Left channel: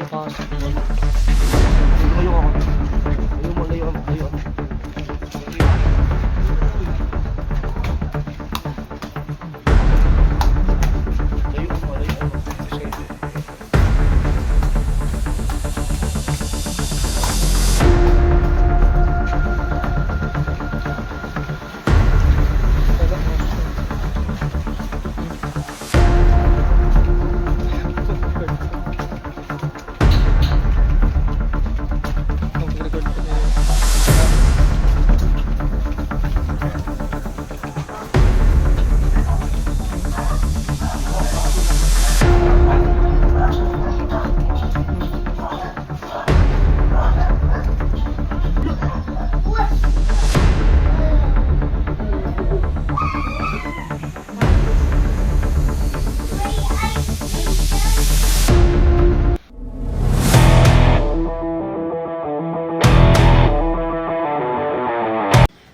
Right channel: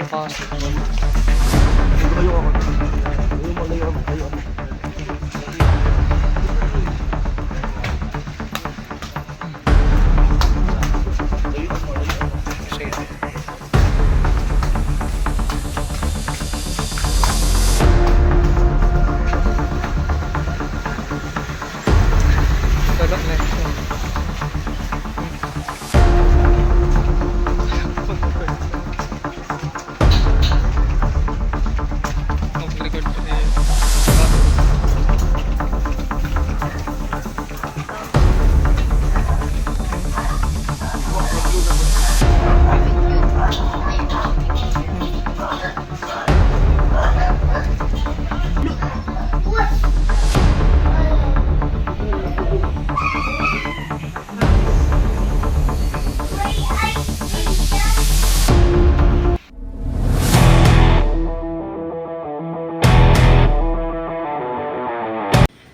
yung kasi. Layo ako. Layo ako. Tulog na siya. Mag-record pa niya.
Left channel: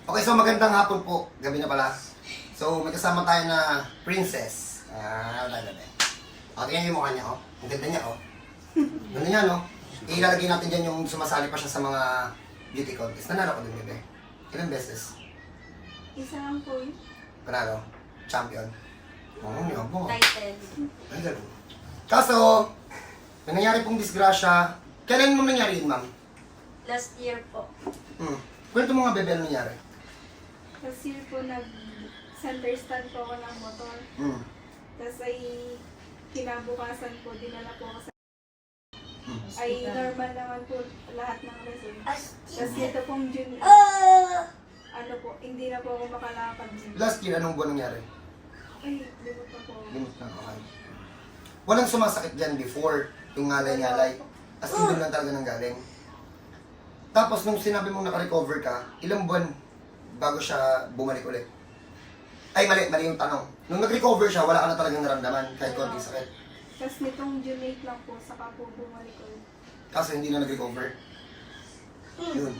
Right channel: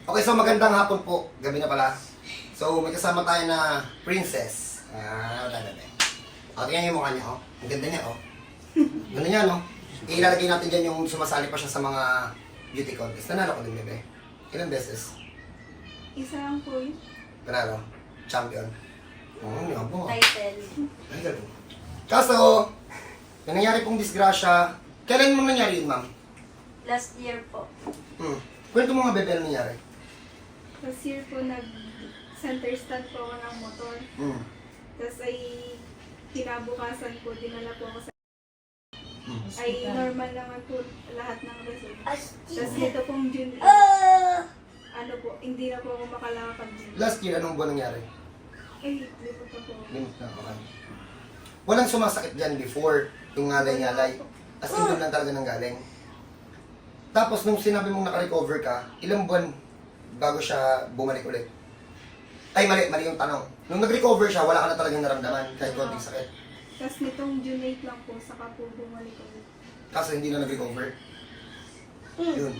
Okay, so magandang hapon po. Gabi na pala. So, may kasama tayo na princess. Tingnan yung mukha niya, oh. Ang ganda niya, oh. Ganda niya, no? Ilalagay natin dyan yung sumasali pa siya sa mga beauty contest. Nanalo ko din, bebe. Ilang beses? Isa lang po yun. Panalo? Champion? Oo, niya po. Title. Ay, gano'n. Kaso, may nangyari pong disgrasya. Kailan mo nangyari yun, ma'am? Last year po. Kwento mo nga, bebe, ano nangyari? Last year po nag-center stand po ako ng motor. Tapos ay kinabukasan po, dinala po ako sa... Ay normal naman po lahat ng result. Tapos dito pong June, ano po, hindi na po ako makalakad. Last year, anong buwan nangyari? Ay, limot na po ako. Limit na okay. Walang sumasakit dyan before, yung ngalay-ngalay. As in doon lang talaga nang galing. Tapos nung sinabi mong naka-recover ka, ilang buwan bago siya bumalik ulit? Ay, mali yung tanong. Nung nag-recover siya, wala ka na talagang naramdaman kahit konting sakit. Tapos nitong June 8 lang po, saka po bumalik ulit. Kaso hindi na nag-recover. Yun.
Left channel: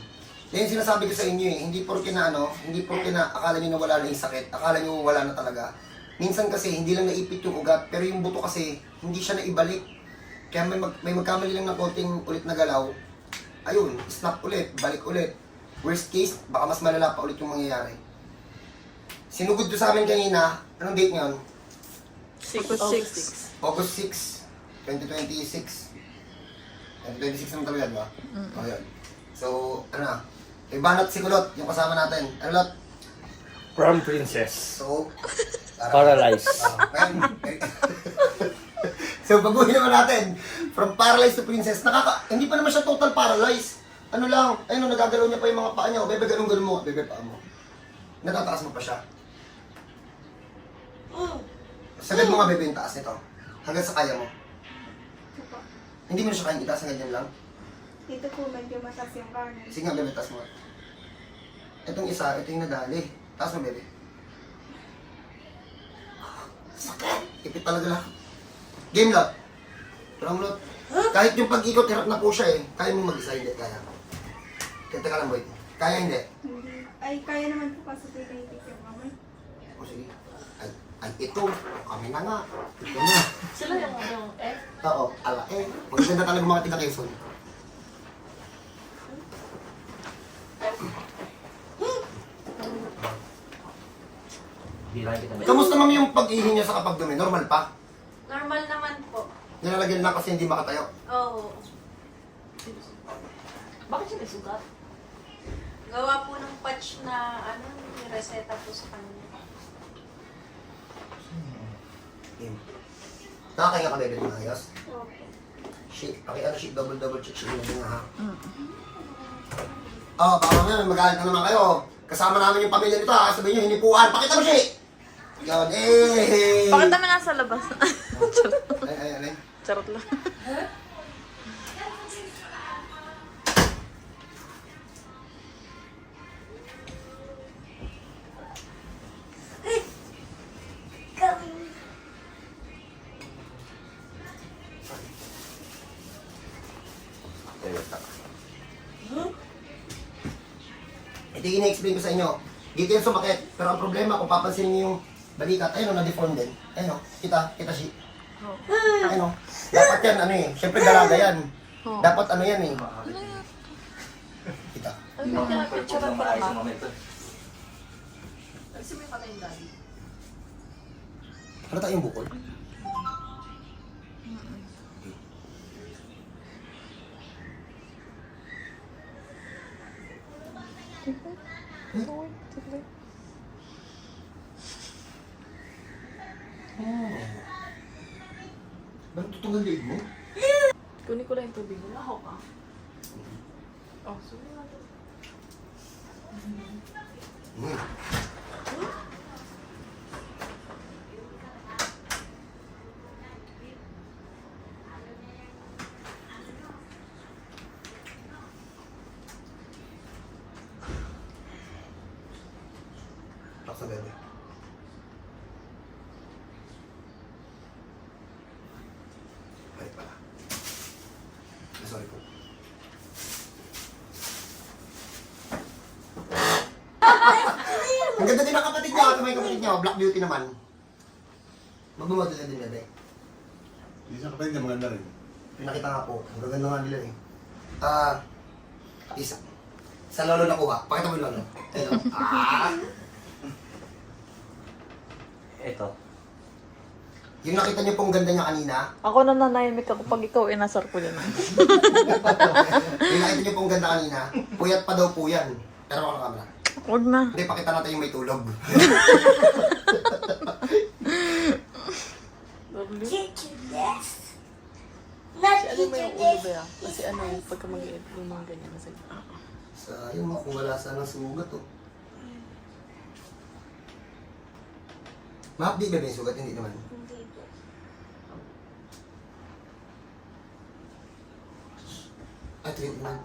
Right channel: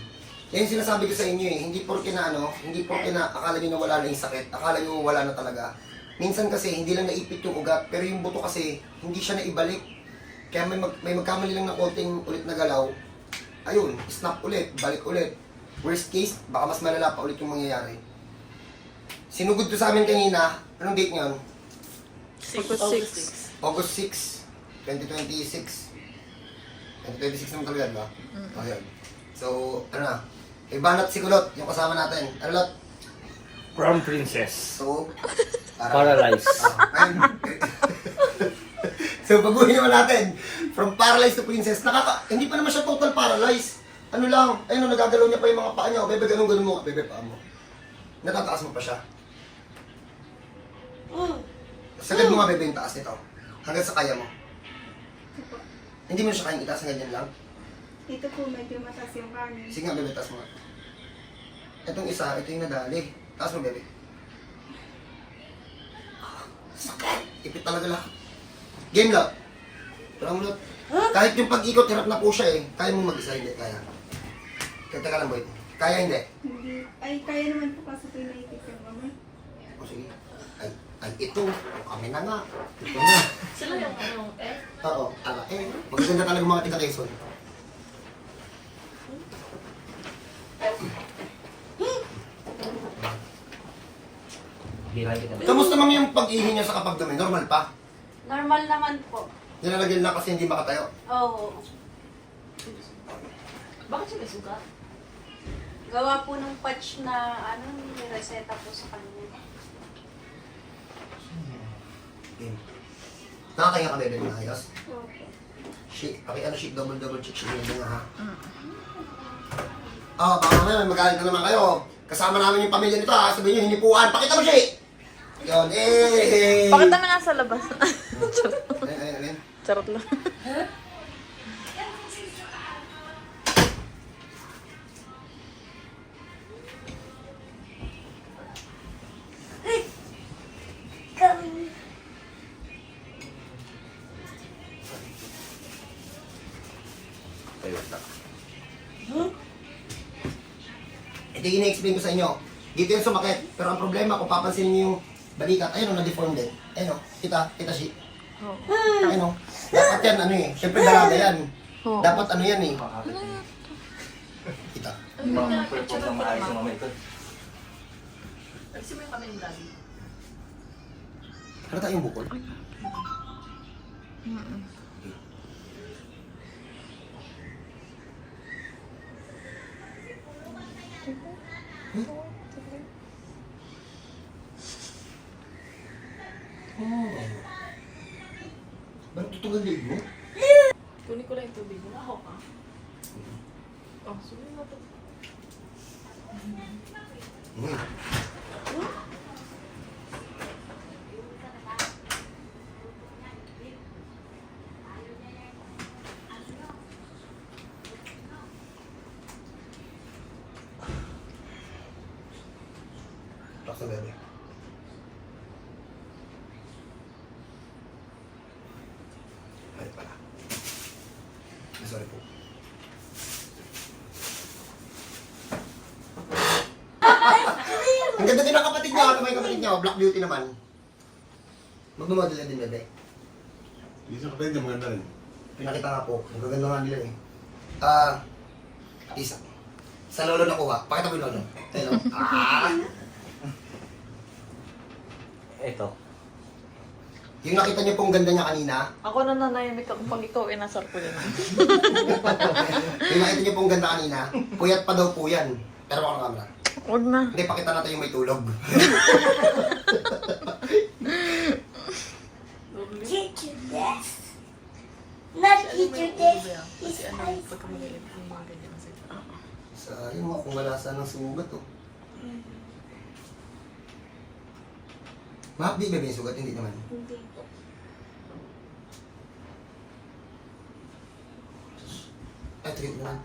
Yan yung sinasabi ko sa inyo eh, hindi porke na akala nyo na wala na yung sakit, akala nyo wala na talaga. Minsan kasi hindi lang naipit yung ugat, pero yung buto kasi hindi siya naibalik. Kaya may magkamali lang ng konting ulit na galaw, ayun, snap ulit, balik ulit. Worst case, baka mas malala pa ulit yung mangyayari. Sinugod to sa amin kanina, anong date ngayon? August 6, 2026. 2026 naman talaga, ba? Ayun. So, ano na? Ibanat si Kulot, yung kasama natin. Ano lot? Brown Princess. So, Paralyzed. So, baguhin naman natin. From paralyzed to princess. Hindi pa naman siya total paralyzed. Ano lang, ayun, nagagalaw niya pa yung mga paa niya. Bebe, ganun mo. Bebe, paa mo. Natataas mo pa siya. Sagad mo nga, bebe, yung taas nito. Hanggang sa kaya mo. Ito po. Hindi mo na siya kayang itaas na ganyan lang. Ito po medyo mataas yung kanin. Sige nga, bebe, taas mo. Itong isa, ito yung nadali. Taas mo, bebe. Sakit! Ipit talaga lang. Game lot. Parang lot. Kahit yung pag-ikot, hirap na po siya eh. Kaya mo mag-isa, hindi. Kaya. Kaya ka lang, boy. Kaya hindi. Hindi. Ay, kaya naman po kaso po naipit yung kamay. O sige. Ay, ito. Kami na nga. Ito na. Sila yung ano, eh? Oo, ala eh. Magaganda talaga mga tiga Quezon. Kamusta mang yung pag-ihi niya sa kapag dumi? Normal pa? Normal naman po. Nilalagyan na kasi hindi makatayo. Oo. Bakit siya may sugat? Gawa po ng patch na ano, nireseta po sa kanya. Game. Nakakaya ka bebe ng ayos? Okay. Shit, shit, double check shit yun nga ha. Baka mamaya may magalit na naman kayo. Kasama namin yung pamilya nito ha, sabihin nyo, hinipuan. Pakita mo siya eh! Yun, eh! Pakita na nga sa labas. Ay. Charot lang. Ito yung ina-explain ko sa inyo. Dito yung sumakit. Pero ang problema, kung papansinin niyo yung balikat, ayun o, na-deform din. Ayun o, kita Ano? Dapat yan, ano eh. Siyempre dalaga yan. Dapat ano yan eh. Kita. Ay, bakit picture ang parang Kasi mo yung kamay yung gabi. Ano tayong bukol? Ba't tutugan liig mo? Kunin ko lang yung tubig. Wala ako ka. Oh, sulit natin. Relax na bebe. Ay pala. Sorry po. Ang ganda din ang kapatid niya. Ano ba yung kapatid niya? Black Beauty naman. Magmamodel na din bebe. Isang kapatid niya maganda rin. Pinakita nga po. Ang gaganda nga nila eh. Isa. Sa lolo nakuha. Pakita mo yung lolo. Ayun. Ito. Yung nakita niyo pong ganda niya kanina. Ako na nanahimik ako pag ikaw inasar ko yan. Yung nakita niyo pong ganda kanina. Puyat pa daw po yan. Pero ako ng camera. Huwag na. Hindi, pakita natin yung may tulog. Kasi ano, pagka mag-iip ko yung mga ganyan kasi. Sayang mo kung wala sanang sugat oh. Mahapdi ba yung sugat? Hindi naman. Hindi po. Ay, tuyo mo lang.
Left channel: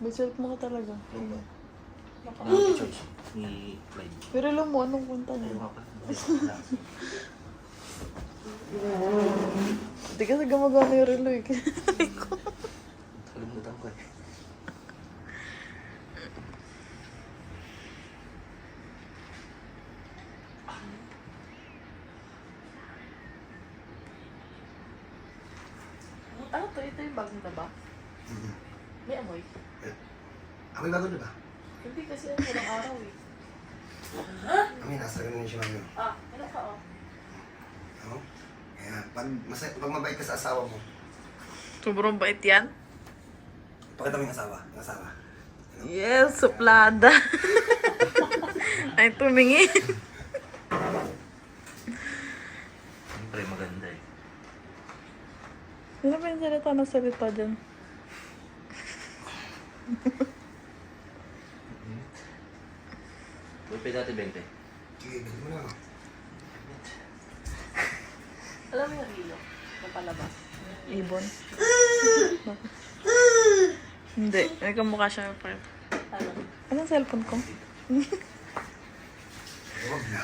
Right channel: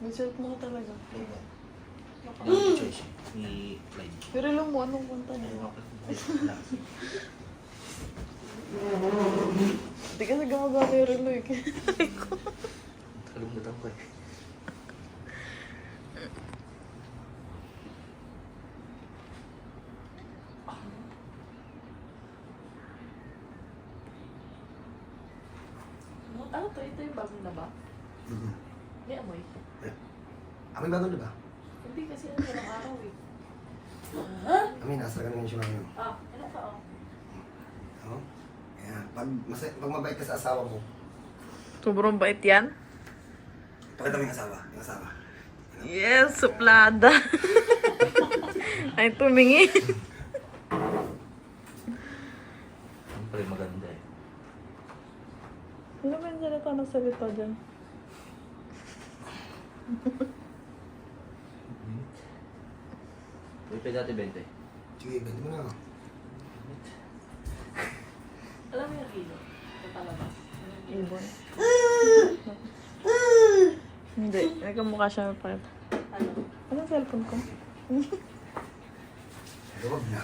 May self mo ka talaga. Choice ni Clyde. Pero alam mo, anong punta niya? Hindi kasi gumagana yung relo eh. Kalimutan ko eh. Ano to? Ito yung bagong na ba? May amoy. Amoy bago na ba? Hindi kasi ano ng araw eh. Amoy, nasa ganun siya ngayon. Wala pa oh. Ano? Ayan. Pag mabait ka sa asawa mo, Sobrang bait yan. pakita mo yung asawa. Yung asawa. Yes, suplada. Ay, tumingi. Siyempre maganda eh. Ano ba yung salita dyan? Uy, dati 20. Sige, bento mo na. Alam mo yung hilo? Yung palabas. Ibon. Hindi, may kamukha siya ng part. Ano? Anong cellphone ko? Huwag na.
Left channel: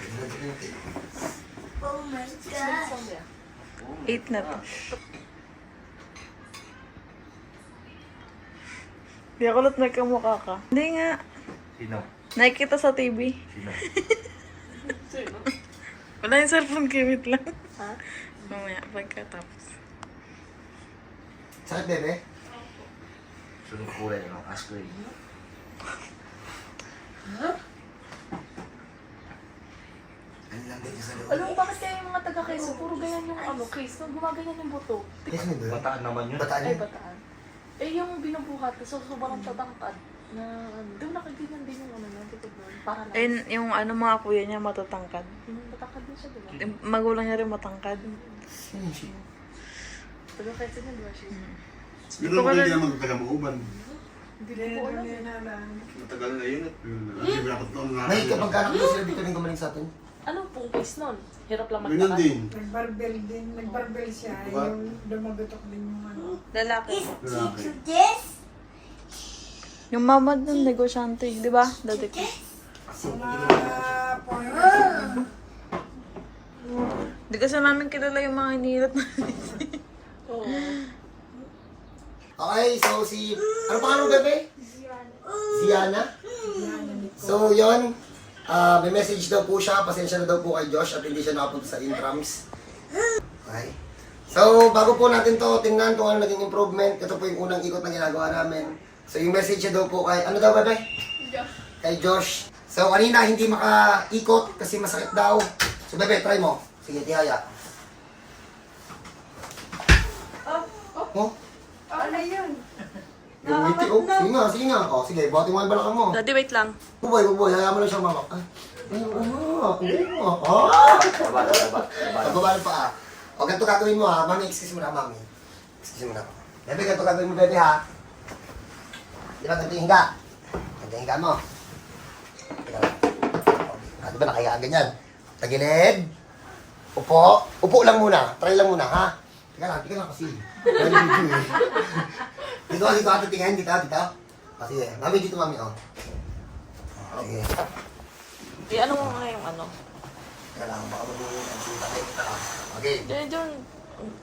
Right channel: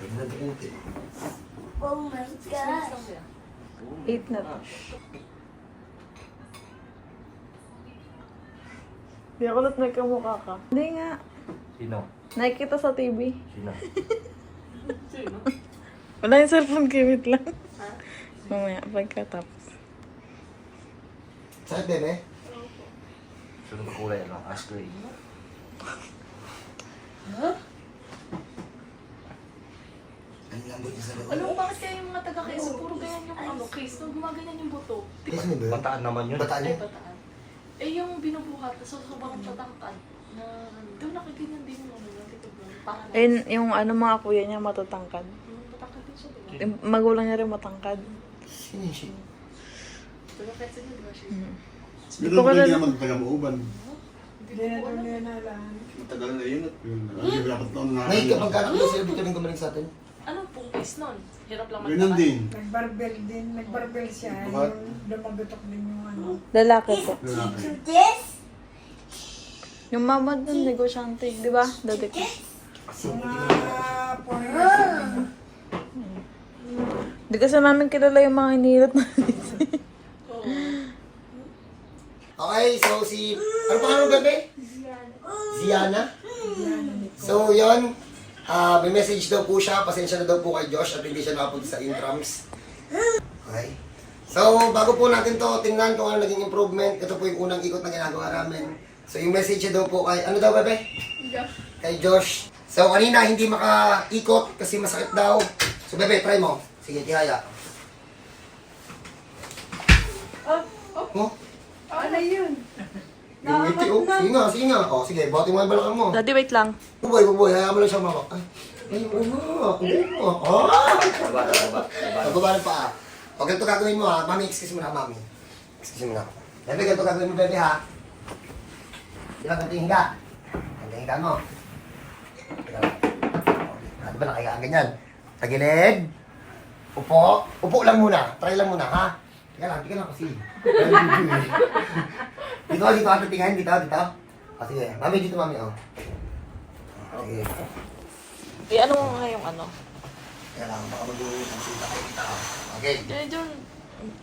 Pwede na din natin. Saan yan? 8 na to. Di ako ulit may kamukha ka. Hindi nga. Sino? Nakikita sa TV. Sino? Sino? Wala yung cellphone ko, wait lang. Mamaya, pagkatapos. Saan, bebe? Sunod ko kulay, ano? Ash gray. Ang lambot niya sa loob. Alam mo bakit kayo yung mataga kayo? Puro ganyan yung ano, case. Nung gumaganyan yung buto. Kasi mo ba yun? Bataan naman yun. Bataan Ay, yun? bataan. Eh, yung binubuhat, so sobrang tatangkad. Na, doon nakaganyan din yung ano yan. Dito po. Para na. Ayun, yung ano mga kuya niya matatangkad. Tatangkad din siya, diba? Yung magulang niya rin matangkad. Sino siya? Diba kahit sino, diba siya? Hindi ko pwede naman taga-mauban. Hindi ko alam. Matagal na yun at dapat noon nga. Nay, kapag anak daw sila dito rin gumaling sa atin. Anong pong case nun? Hirap lang Ganyan din. Nagbarbel din, nagbarbel siya. What? Yung dumagutok din yung ano. Lalaki ko. Yung mama dun, negosyante, di ba? Dati ko. Di kasi namin kilala yung mga inilot na. Okay, so si... Ano pangalan mo, bebe? Ziana. So, yun. May message daw po siya. Pasensya na daw po kay Josh at hindi siya nakapunta sa intrams. Okay. So, bago po natin to tingnan kung ano naging improvement. Ito po yung unang ikot na ginagawa namin. So, yung message niya daw po kay, ano daw, bebe? Josh. Kay Josh. So, kanina hindi makaikot kasi masakit daw. So, bebe, try mo. Sige, tihaya. Oh? Ano yun? Yung ngiti, oh. Sige nga, sige nga. Oh, sige, buhatin mo yung balakang mo. Daddy, wait lang. Buboy, hayaan mo lang siyang mamak. Ay, oo. Ah! Pagbaba ng paa. O, ganito gagawin mo ha. Mami, excuse mo na, mami. Excuse mo na. Bebe, ganito gagawin mo, bebe ha. Di ba, ganito yung hinga. Ganito yung hinga mo. Di ba nakayaan ganyan? Tagilid. Upo. Upo lang muna. Try lang muna, ha? Teka lang kasi. Dito, ato tingin. Dito. O, sige. Mami, dito, mami, o. Sige. Eh, ano mo na yung ano? Kaya lang, baka mag-uwi ng kita. Okay. Diyan.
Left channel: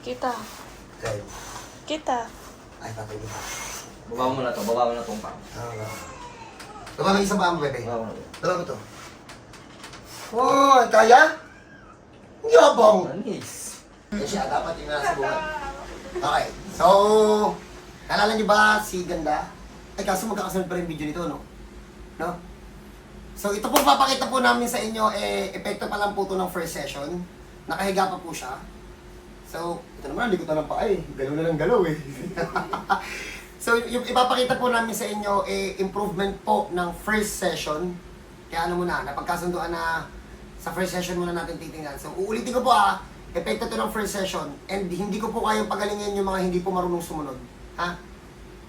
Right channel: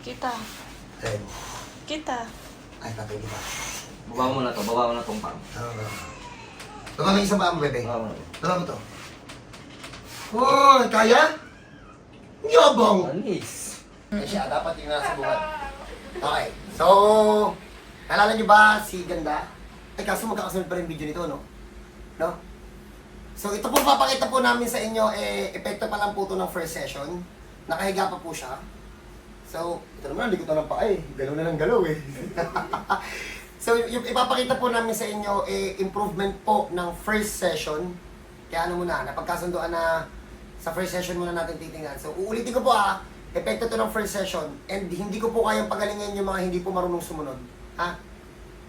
Kita. Okay. Kita. Ay, tatay kita. Baba mo na to, baba mo na tong pang. Baba mo isang paa mo, bebe. Baba mo na. Baba mo to. Oh, kaya? Yabang! Anis. Kasi dapat yung nasa buhay. Okay, so, nalala niyo ba si Ganda? Ay, kaso magkakasunod pa rin video nito, no? No? So, ito po papakita po namin sa inyo, epekto pa lang po ito ng first session. Nakahiga pa po siya. So, ito naman, hindi ko ito ng paa eh. Galaw na ng galaw eh. So, yung ipapakita po namin sa inyo, improvement po ng first session. Kaya ano muna, napagkasunduan na sa first session muna natin titingnan. So, uulitin ko po epekto to ng first session. And hindi ko po kayang pagalingin yung mga hindi po marunong sumunod. Ha?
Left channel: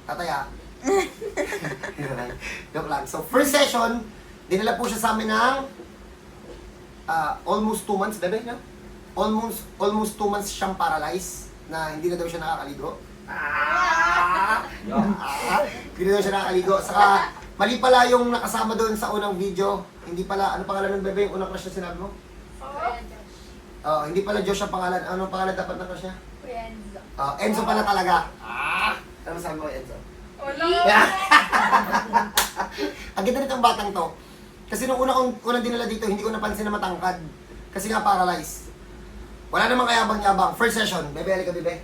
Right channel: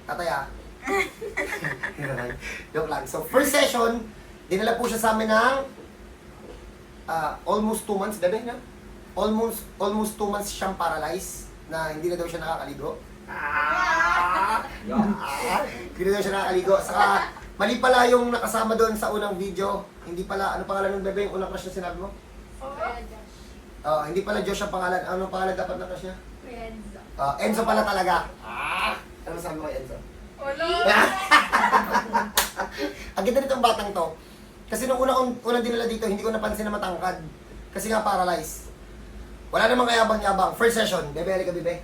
Tatay Joke lang. So, first session, dinala po siya sa amin ng almost 2 months, bebe, no? Almost 2 months siyang paralyzed na hindi na daw siya nakakaligo. Hindi na daw siya nakakaligo. Saka, mali pala yung nakasama doon sa unang video. Hindi pala, ano pangalan ng bebe yung unang crush na sinabi mo? Hindi pala Josh ang pangalan. Anong pangalan dapat na crush niya? Enzo. Enzo pala talaga. Ano sabi mo kay Enzo? Wala. Ang ganda nitong batang to. Kasi nung unang dinala dito, hindi ko napansin na matangkad. Kasi nga paralyzed. Wala namang kayabang-yabang. First session. Bebe, halika bebe.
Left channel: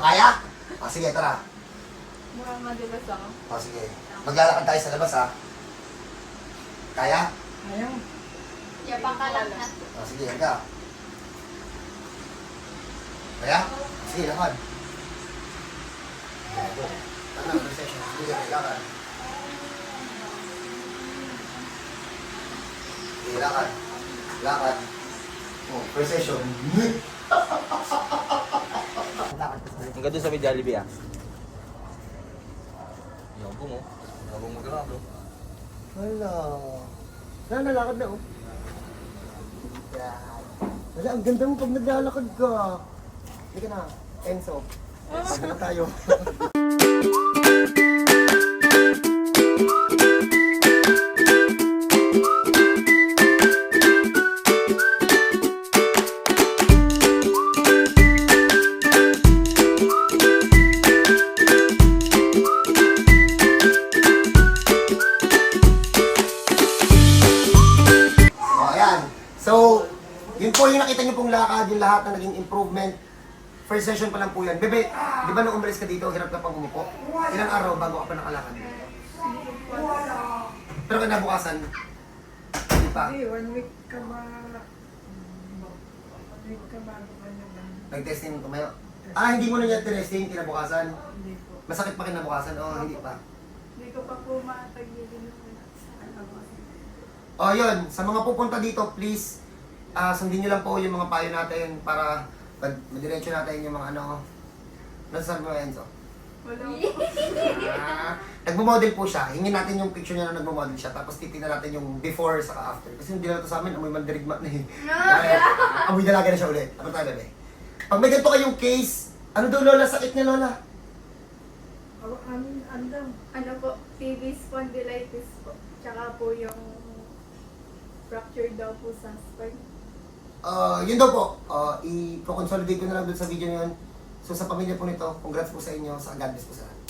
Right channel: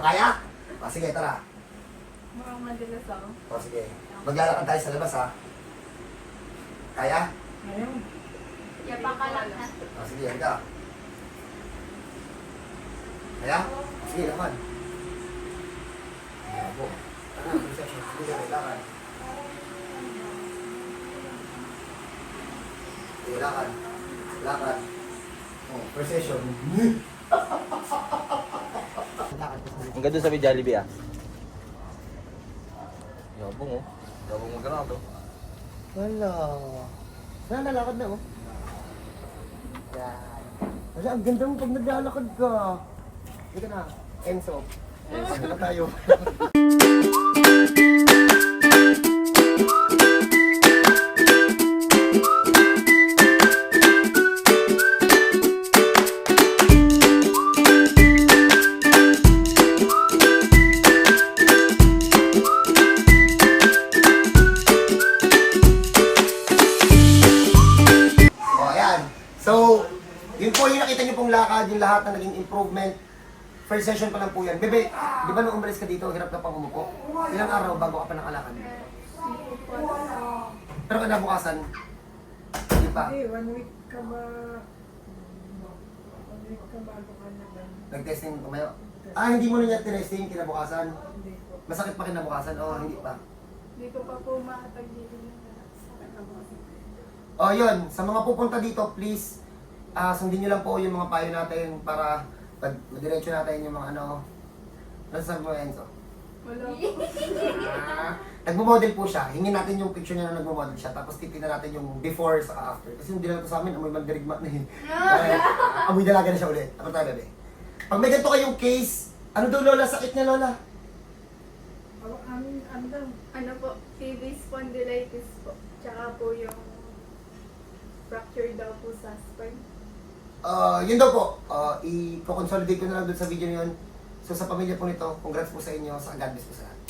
Kaya? Sige, tara. Mukhang madalas ako. Sige. Maglalakad tayo sa labas, ha? Kaya? Ayaw. Yapak ka lang na. Sige, halika. Kaya? Sige, lakad. Ano, first session. Sige, lakad. Sige, lakad. Lakad. Oh, first session. Hanggang doon sa may Jollibee Yabong oh. Yabong magkala bro. Wala. Nalakad na, oh. Wala, ang ganda mo pag naglalakad ka. Hindi ka na, Enzo. Pagka na tayo. Yun po yung nakita niyo pong lakad, yung lahat ng naging improvement. First session pa lang po yan. Bebe, di ba nung umalis ka dito, hirap ka pang umupo? Ilang araw bago ka pa nakalakad? Pero kinabukasan, hindi pa. Eh, 1 week ka ba? 1 week ka bago ka na ba? Nag-testing mo tumayo. Hindi mo na niya tinesting kinabukasan. Hindi po. Masakit pa kinabukasan? Hindi pa. Hindi ko pa po makatagilin yung sa kanya. Yun. Sa mga pupunta dito, please, sundin nyo lang po yung mga payo natin para madiretso natin yung mga ano. Nasasabi mo, Enzo? Wala po. Nagmo-model po siya. Hingin natin yung picture niya na nagmo-model siya. Tapos titignan natin yung before sa after. Kasi yung dinala to sa amin, amoy mandirigma na eh. Amoy dalaga na siya ulit. Ano tayo, bebe? Pag may ganito kayong case, ano daw lola? Sakit niya, lola? Ano daw? Ano po, TV spondylitis po. Tsaka po yung fracture daw po sa spine. Yun daw po. I-consolidate ko na lang doon sa video na yun. So sa pamilya po nito, congrats po sa inyo, sa God bless po sa lahat.